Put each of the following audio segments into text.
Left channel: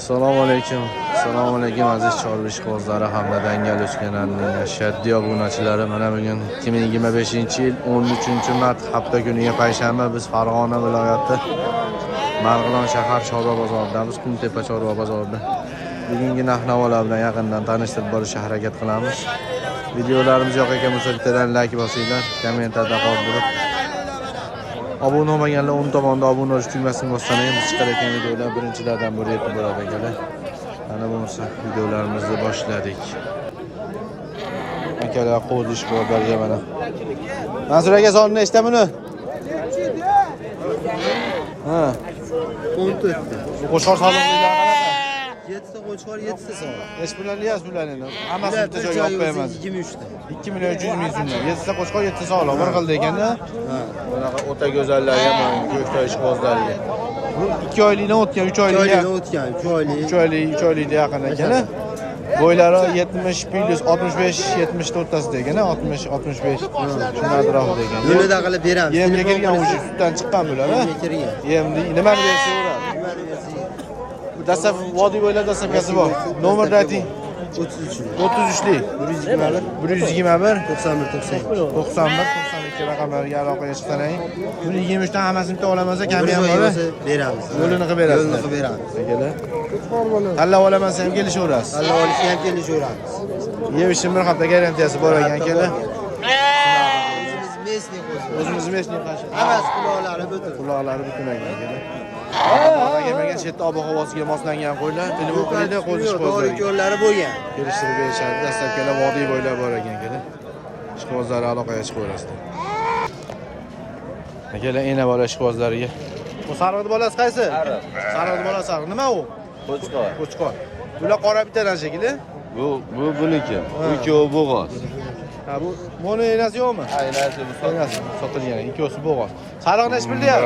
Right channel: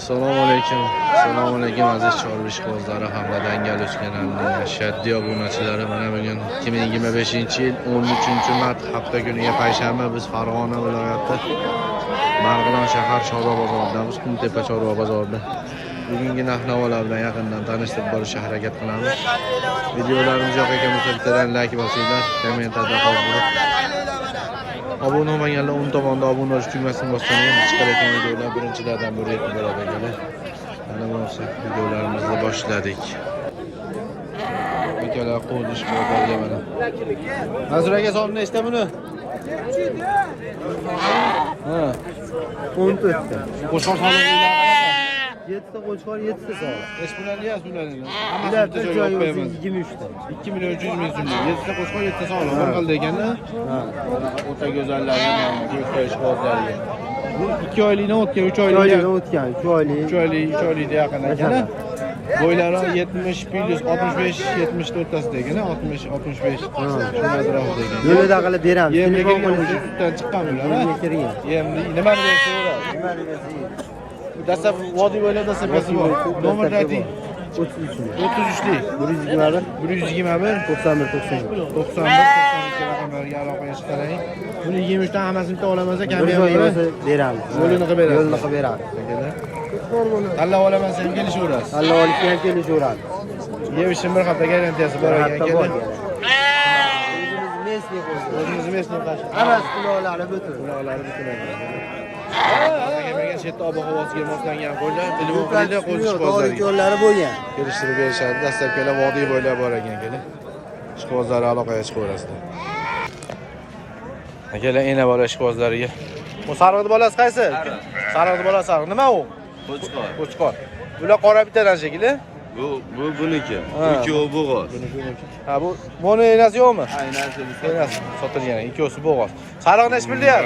Assalomu alaykum. Assalomu alaykum aziz chorbish qozlari hamda dangal o'skanlarning shaddiy obunachilari. Mana bugun 2025-yil 13-mart hafta kuniga payshanba biz Farg'ona viloyati Marg'ilon shahar chorva bozoridamiz. Qumtepa chorva bozorida. Bugungi narx-navolar bilan yaqindan tanishtirib borishga harakat qilamiz. Videolarimiz yoqaga bo'lsa bittadan like bosinglar, kommentarda qoldirib obuna olmaganlar o'ng tomonda obuna bo'lish tugmasini bossangiz biz chiqarayotgan videolar birinchilardan biri yetib boradi akalar. Mana bo'lsa videolarimizni boshladik. Akalar qo'zish qo'ydilar mana. Mansur aka sonni nechta buni? Ha. 14. Qo'shqor soliqlilar qanaqa? 7 ta qo'chqor, 7 ta soliq. Hech bularni yaz bularni. Hammasi bitta joyga olib qo'yamiz. 23 ta. 2 million 300 ming so'm. 7 ta qo'chqor, 7 ta soliq. Bir xil ekanda. Ha. Bunaqa o'ta go'zallari ham bor, ko'ktoy ishqibozlariga. Bu 2 oylikdan o'tgan, 3 oylikdan o'tgan, 3 oylik. 3 oylikda yaqin ekan. Bo'ylari 70 plus 65 70 ta o'rtasida ekan, 60 65. Shuni atrofida ekan. Yo'lida qilib beramiz. Yemga kirgan o'sha sutdan chiqqan bular, ha? Yemni nimani bersa o'radi. Dastlab vodiy bo'ylab dastlabkasi bor. Nomerni ayting. 33lik 121 91 92 raqamlarga aloqaga chiqsalaring. Buni 23 dan hammasini bitta olamiz, kami ham bor. Beramiz. Yo'lini qilib berasiz. Yo'lini qilib beramiz. Akalar. Tanlab olaman ham kelishaverasiz. Tanlab olishga ham kelishaveramiz. Yevishim bir hafta garantiyasi bor ekan akalar. O'zimiz mesniy qashi. Hammasi quloqlari butun ekan akalar. Bog'dan kelmagan chetda ob-havosiga moslangan qo'ylar, telefon qilinglar, qo'z ishqibozlariga. Yo'llari bo'lgan. Kelishtirib berishadi. Dastlabkilar vodiy bo'ylab bor ekan akalar. Ishqibozlari aloqaga chiqaverasizlar. Akalar ena bola ishqibozlariga. Bu sariqni bolasi qaysi? Sariqni bolasi sariq. Nima u? Qo'chqor. Bular qora bittadan shekilli. Bu buniki. Ikkovi bo'g'oz. Ha, bu mono enasi yo'qmi? Enasi bu. Enasi sotilgan, ikkosi bo'g'oz. Sariq nech pulda?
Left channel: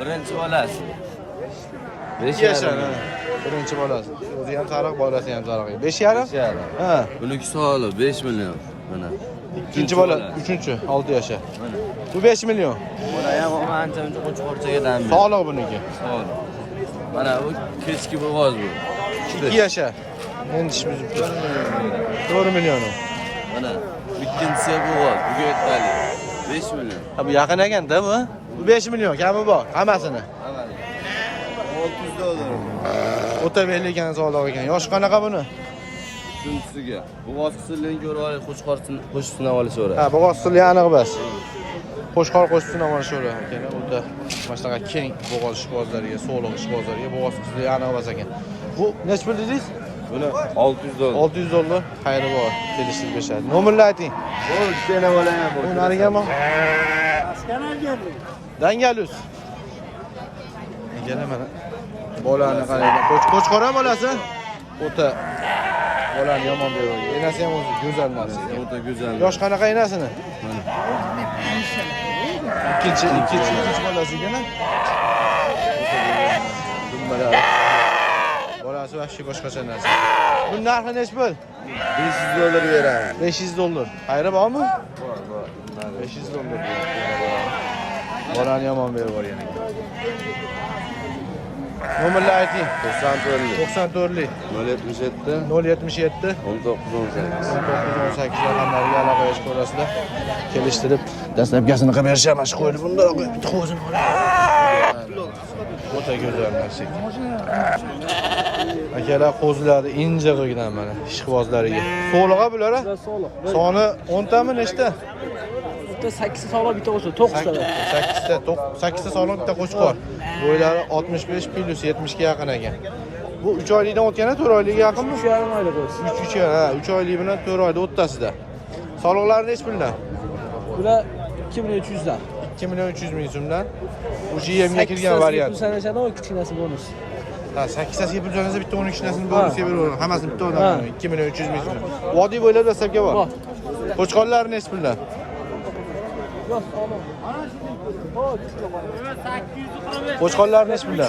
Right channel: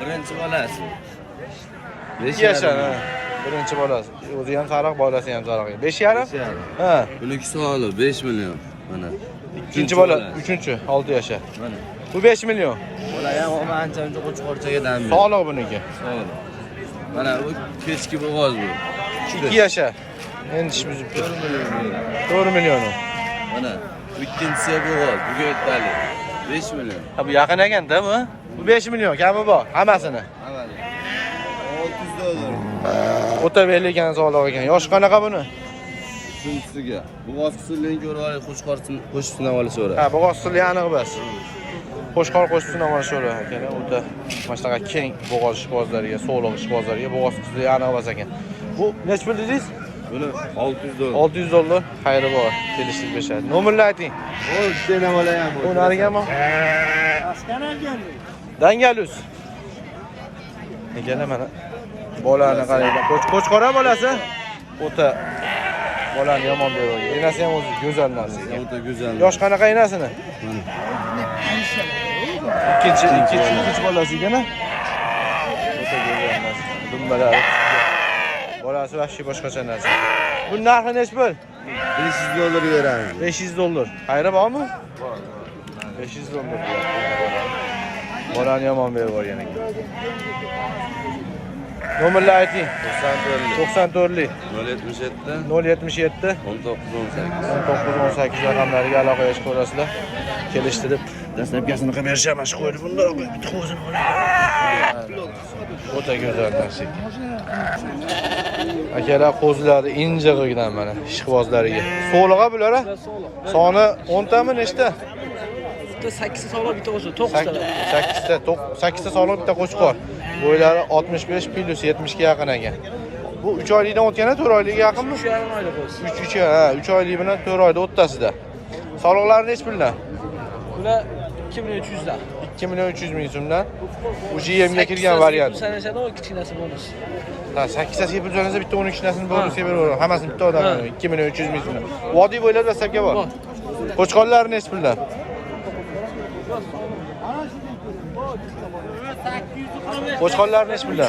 Birinchi bolasi. 5 yashar, ha. Birinchi bolasi. O'zi ham sariq, bolasi ham sariq. 5,5? Ha. Buniki soli 5 million. Mana. Ikkinchi bola, uchinchi 6 yashar. Mana. Bu 5 million. Bola ham ancha-muncha qo'chqorchaga dam beradi. Sog'liq buniki. Sog'liq. Mana bu kechki bo'g'oz bu. 2 yashar. Endi ish buzib 4 million beradi. 4 million. Mana. Bu ikkinchisi bo'g'oz, bu yettali. 5 million. Ha bu yaqin ekanda bu. Bu 5 million kami bor, hammasini. Hammasi. 600 dollar. O'ta belli ekan, sog'liq ekan. Yosh qanaqa buni? Shunisiga. Bo'g'oz usulini ko'rib olib, qo'chqor qo'shib sinab olishaveradi. Ha, bo'g'oz usuli aniq bas. Qo'shqor qo'shib sinab olishaveradi akalar. O'ta mana keng bo'g'oz ishqibozlariga, sog'liq ishqibozlariga bo'g'oz usuli aniq bas ekan. Bu nech pul dedingiz? Buni 600 dollar. 600 dollar. Xayri bor. Kelishib berishadi. Nomerni ayting. O, ikkita bola ham bor. Bu nariganmi? Dangalus. Ekan mana bolani qaranglar. Qo'chqor ham bolasi. O'ta bolani yomon beradi. Enasi ham o'zi go'zal narsa ekan. O'ta go'zal. Yosh qanaqa enasini? Mana. Ikkinchi bolasi ekan. O'ta go'zal narsa. Dumbalari. Bolasi vahshiy boshqacha narsa. Bu narxi nech pul? 500 dollar beramiz. 500 dollar. Xayri bormi? Bor. 500 dollar deyapti. Bolani yomon berib yuborgan ekan. Nomerni ayting. 94lik 077 077 1918 1918 raqamlariga aloqaga chiqaverasizlar. Kelishtirib dastlabkasini qilib berishamiz. Shu qo'yib bundoq bitta qo'zini oladi. O'ta go'zal narsa ekan. Akalar qo'zlari inja qilgan mana ishqibozlariga. So'lig'a bular a? Soni 10 tami nechta? 8 ta soliq bitta qo'shib 9 ta. 8 ta soliq bitta qo'chqor. Bo'ylari 65 plus 70 ga yaqin ekan. Bu 3 oylikdan o'tgani 4 oylikga yaqinmi? 3,5 oylik bo'lsin. 3 oylik bilan 4 oyda o'rtasida. Soliqlari nech puldan? Bular 2 million 300 dan. 2 million 300 ming so'mdan. Bu yemga kirgan variant. Sanashadi, o kichkinasi bonus. Ha, 8 tasiga pul jo'nasa bitta 12tasini bonusga beraveradi. Hammasini bitta odam 2 million 300 ming so'mdan. Vodiy bo'ylab dastlabga bor. Qo'chqorlari nech puldan? Qo'chqorlar nech puldan?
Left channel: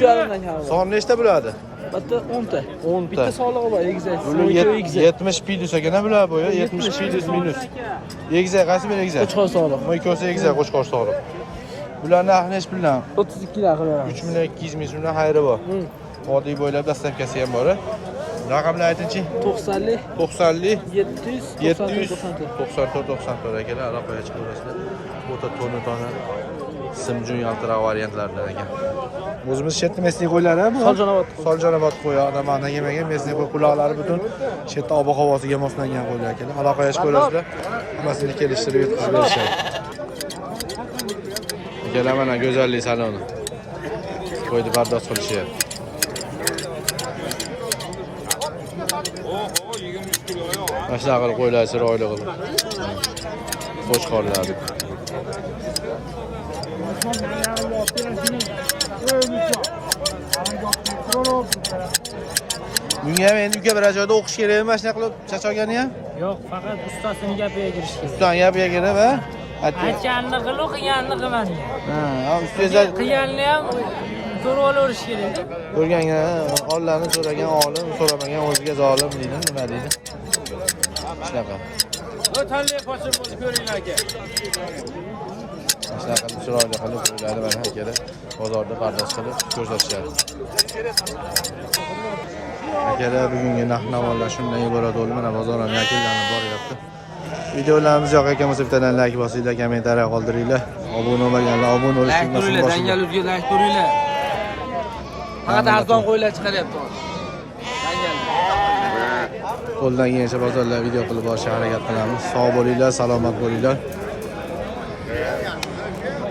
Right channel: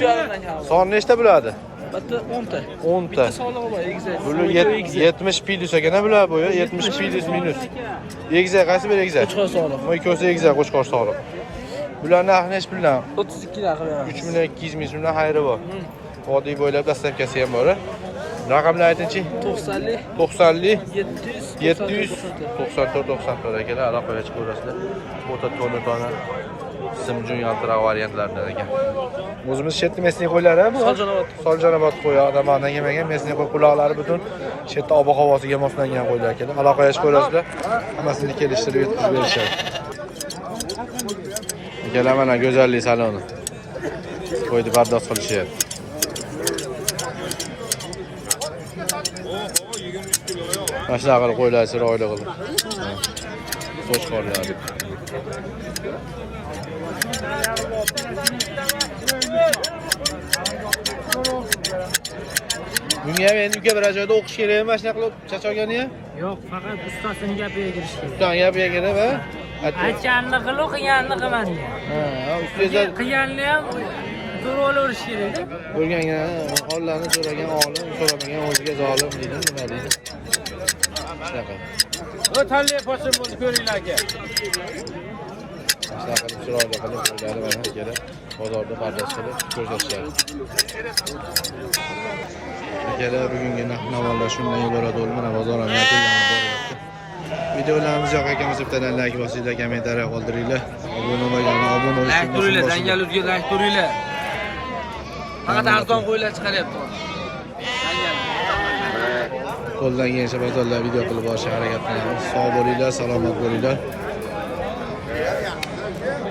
Son nechta bo'ladi? Bitta 10 ta. 10 ta. Bitta soliq bor, egizak. Bular 70 plus ekan bular bo'yi, 70 plus minus. Egizak qaysi bir egizak? Qo'chqor soliq. Bu ikkosi egizak qo'chqor soliq. Bular narxi nech puldan? 32 dan qilib beraman. 3 million 200 ming so'mdan xayri bor. Oddiy bo'ylab dastavkasi ham bor. Raqamlar aytingchi? 90'lik, 90lik 700, 94 akalar aloqaga chiqaverasizlar. O'ta tona simjun yaltiroq variantlaridan ekan. O'zimiz shetni mesni qo'ylari bu. Soljanobod qo'yi, odamlardan yemagan mesni qo'y quloqlari butun shetda ob-havosiga moslangan qo'ylar akalar. Aloqaga chiqaverasizlar. Hammasini kelishtirib yetkazib berishadi. Akalar mana go'zallik saloni. Qo'ydi bardosh qilishyapti. Mashina qilib qo'ylar chiroyli qilib. Qo'shqorlar deb. Bunga ham endi uka bir joyda o'qish kerakmi mashina qilib chachogani ham? Yo'q, faqat ustasining gapiga kirish kerak. Ustaning gapiga kirib, ha? Aytganini qilib, qilganini qilmagan. Ha, ustida Qilganini ham to'g'ri olaverish kerak. ko'rganga Allohni so'ragan olim, so'ramagan o'ziga zolim deydi, nima deydi? Shunaqa. O'tanli posil bo'lib ko'ringlar aka. Shunaqa qilib chiroyli qilib qo'yladi mana akalar. Bozorda pardoz qilib ko'rsatishadi. Akalar bugungi narx-navolar shundan iborat bo'ldi. Mana bozor ham yakunlanib boryapti. Videolarimiz yoqayotgan bo'lsa bittadan like bosinglar, kommentariya qoldiringlar. Obuna bo'lmaganlar obuna bo'lishni unutmanglar. Dangaluzga like ko'ringlar. Faqat arzon qo'ylar chiqaryapti. Qo'ldan kelgancha bozorlar video qilib borishga harakat qilamiz. Sog' bo'linglar, salomat bo'linglar.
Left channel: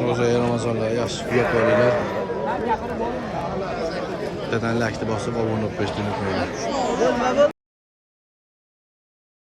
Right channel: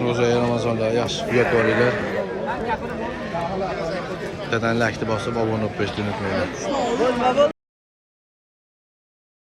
Ro'za Ramazonlar yaxshi uyat bo'linglar. Bittadan like bosib obuna bo'lishni unutmanglar.